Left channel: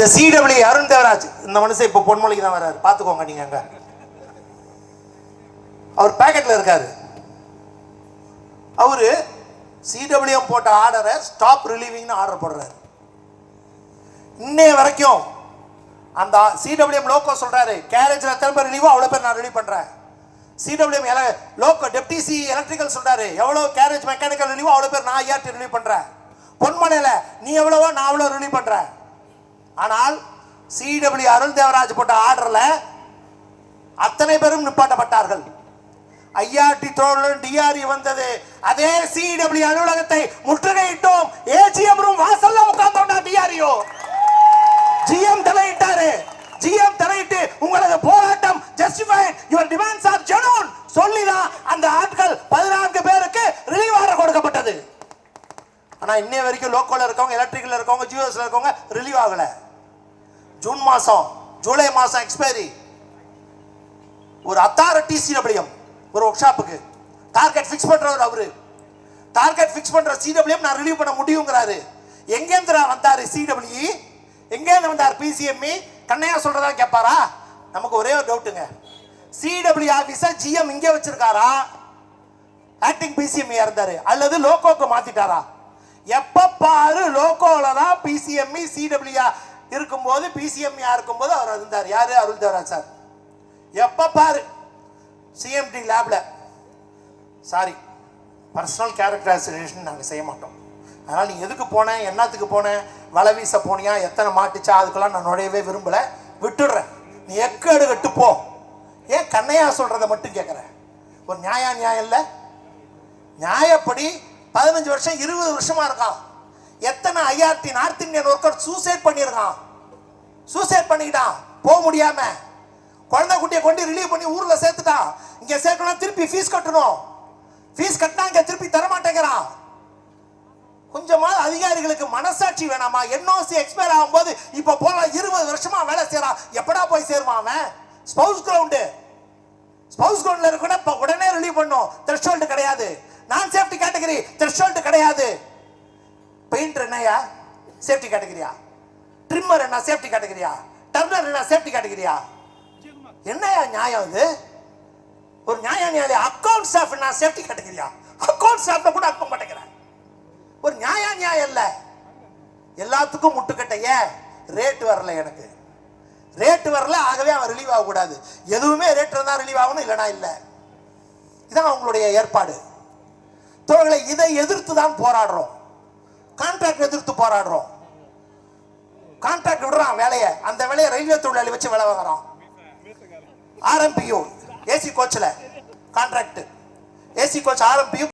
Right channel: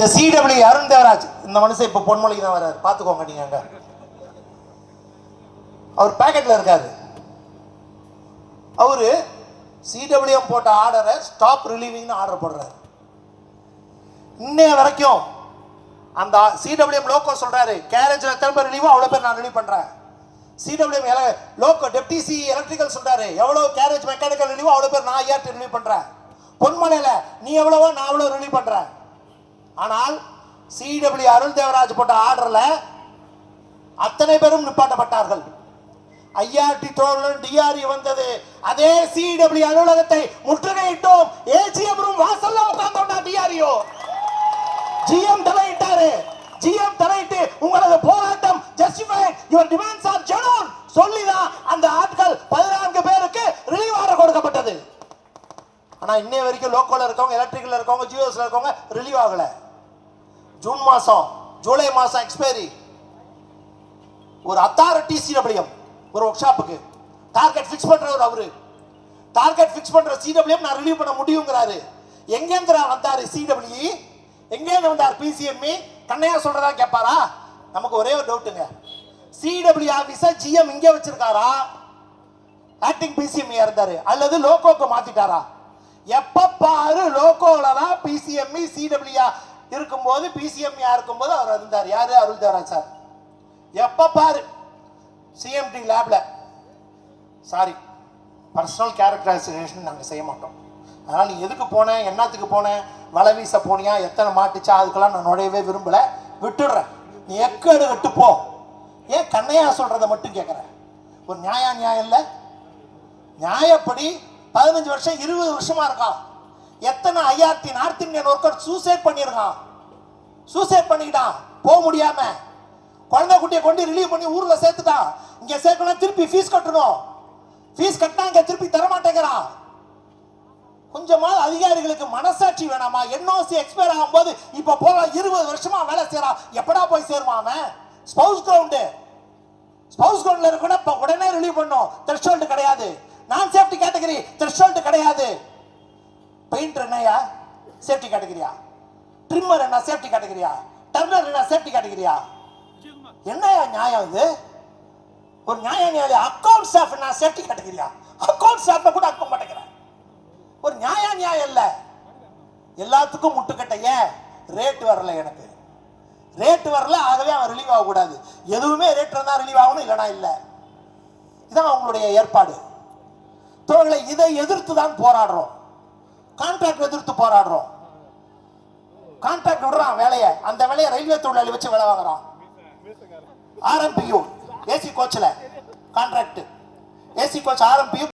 இந்த சிடபிள்யூ அருண் தேவராஜ் இந்த மனுஷன் இப்ப பொன்மொழிக்கு தான் வராரு, பாத்துக்கோங்க நீங்க. அங்க அவர் பேக்கெட்ல இருக்காரு. அவரு சிடபிள்யூஎம் போட்ட ஆர்டரை ஸ்டாப் ரிலீவிங்னு ஆர்டர் போடுறாரு. இன்னைய வரைக்கும் அந்த சிடபிள்யூஎம் லோக்கோ சொல்றாரு, கேரேஜ்ல திரும்ப ரிலீவோ அவ்வளவு பேர் நான் ரிலீவ் பண்றேன். சிடபிள்யூஎம் லோக்கோ டெப்டி சி எலக்ட்ரிக்கல் சொல்றாரு, எவ்வளவு கேரேஜ் மெக்கானிக்கல் ரிலீவோ அவ்வளவு பேர் நான் ஐஆர்டி ரிலீவ் பண்றேன். பொன்மலையில நீ எவ்வளவோ நான் அவ்வளவு ரிலீவ் பண்றேன். ஆனால் சிடபிள்யூ அருண் தேவராஜ் போட்ட ஆர்டர்ல அத்தனை பேரும் நிப்பாட்டப்பட்டார்கள். ஐஆர்டி தோழன் டிஆர்இ வந்தது, அதே சிடபிள்யூ அலுவலகத்தை முற்றுகையிட்டோம். ஏஜிஎம் ரூம் வாசல்ல உட்கார்ந்தோம்னா டிஆர்இஓ ஜிஎம் தலையிட்டாரு. ஜிஎம் தலையிட்டு உங்களது போராட்டம் justified, your demands are genuine சொல்லிதான் அந்த ஆட்கள் 14 பேருக்கு ரிலீவ் ஆர்டர் கொடுக்கப்பட்டது. ஆனா இன்னைய வரைக்கும் லோக்கல்ல இருக்கவங்க, எலக்ட்ரிக்கல்ல இருக்கவங்க, ஜியோஸ்ல இருக்கவங்க ரிலீவ் ஆகல. ஜூன் மாசம் ஜூலை மாசம் எக்ஸ்பைரி. ஒரு அத்தாரிட்டி சிடபிள்யூஎம் ஒரு ஒர்க் ஷாப்புக்கு டார்கெட் ஃபிக்ஸ் பண்றவர் அவரு. டார்கெட் ஃபிக்ஸ் பண்ற சிடபிள்யூஎம் நான் ரிலீவ் பண்ண முடியும்ங்கறாரு. எங்கேந்திர வந்தாரு சிடபிள்யூ, எங்கேந்து வந்தார் பிசிஎம்இ? கண்ணையா சொல்றதா கேட்பாரா? நமக்கு ஒரே ஒரு டவுட்டுங்க, சிடபிள்யூ ஆபீஸர் ஜிஎம் இங்கே வச்சிருக்காரா, ஆக்டிங் பிசிஎம்இ இருந்தாரு, அல்லது லோகோக்கு மாத்திட்டாரா? எப்ப பாரு லோகோல தான் பிசிஎம்இ சிடபிள்யூ இருக்கும்போது, பிசிஎம்இ இருக்கும்போது அவர் இருந்தார். யாரு? அருள் தேவராஜ் சார். எப்ப பாரு சிஎம்டி லேப்ல, சாரி பர்சனல் கேரக்டரைசேஷன் நாங்கள் செய்ய மாட்டோம். அதனால் நீ எதுக்கு போனேன், என்னத்துக்கு போனேன், வலை வீச போனியா, எத்தனை மாட்டுச்சா, அதுக்கெல்லாம் நான் நுழையவே விரும்பல, விட்டுடுறேன். நீ எக்கேடு கட்டு போ. ஏன் கண்ணையா சொல்றதை மட்டும் கேட்குறேன்? ஒரு நியாயம் இல்லை? நியாயப்படி 15 வருஷம் 20 வருஷமா இருக்கான். எத்தனை IRD north Indian worker suicide பண்ணியிருக்கான். சூசைட் பண்ணிக்கிட்டான் போக முடியாம. குழந்தை குட்டியை கொண்டு ரிலீவ் பண்ணி ஊர்ல சேர்த்துட்டான். இங்க சேர்க்கணும், திருப்பி ஃபீஸ் கட்டணும். ஃபீஸ் கட்டினா இங்க திருப்பி தரமாட்டேங்கிறான். கொஞ்சமா அதிகாரிகளுக்கு மனசாட்சி வேணாமா? என்ஓசி எக்ஸ்பயர் ஆகும்போது இப்ப போல 20 வருஷமா வேலை செய்யறான். எப்படா போய் சேருவான் அவன்? ஸ்பவுஸ் கிரவுண்ட் இருக்கணும், உடனே ரிலீவ் பண்ணும். த்ரெஷோல்டு கிடையாது. நான் சேஃப்டி கேட்டகரி, த்ரெஷோல்டு கிடையாது. பெயிண்டர் என்னையா சேஃப்டி கேட்டகரியா? ட்ரிம்மர் என்ன சேஃப்டி கேட்டகரியா? டர்னர் என்ன சேஃப்டி கேட்டகரியா? என்னையா நியாயம் இது? ஒரு நியாயம் அக்கவுண்ட் ஸ்டாஃப் என்ன சேஃப்டி கேட்டகரியா? அக்கவுண்ட் ஸ்டாஃப் கூட அனுப்ப மாட்டேங்கிறேன். ஒரு நியாயம் இல்ல. எல்லாத்துக்கும் முட்டுக்கட்டை. ஏன்? ரேட் வரல, எனக்கு ரேட் வரல, ஆகவே அவன் ரிலீவ் ஆக கூடாது. எதுவுமே ரேட் இருந்தா ரிலீவ் ஆகணும், இல்லனா இல்ல. இதான் அவங்களுடைய ஏற்பாடு. தோழர்களே, இதை எதிர்த்து தான் போராடுறோம். கான்ட்ராக்ட் எதிர்த்து போராடுறோம். கான்ட்ராக்ட் விடுறான் வேலையை, அந்த வேலையை ரயில்வே தொழிலாளி வச்சு வேலை வாங்குறான். ஆர்எம்பியூ ஏசி கோச்ல கான்ட்ராக்ட், ஏசி கோச் ஆர்எம்பியூ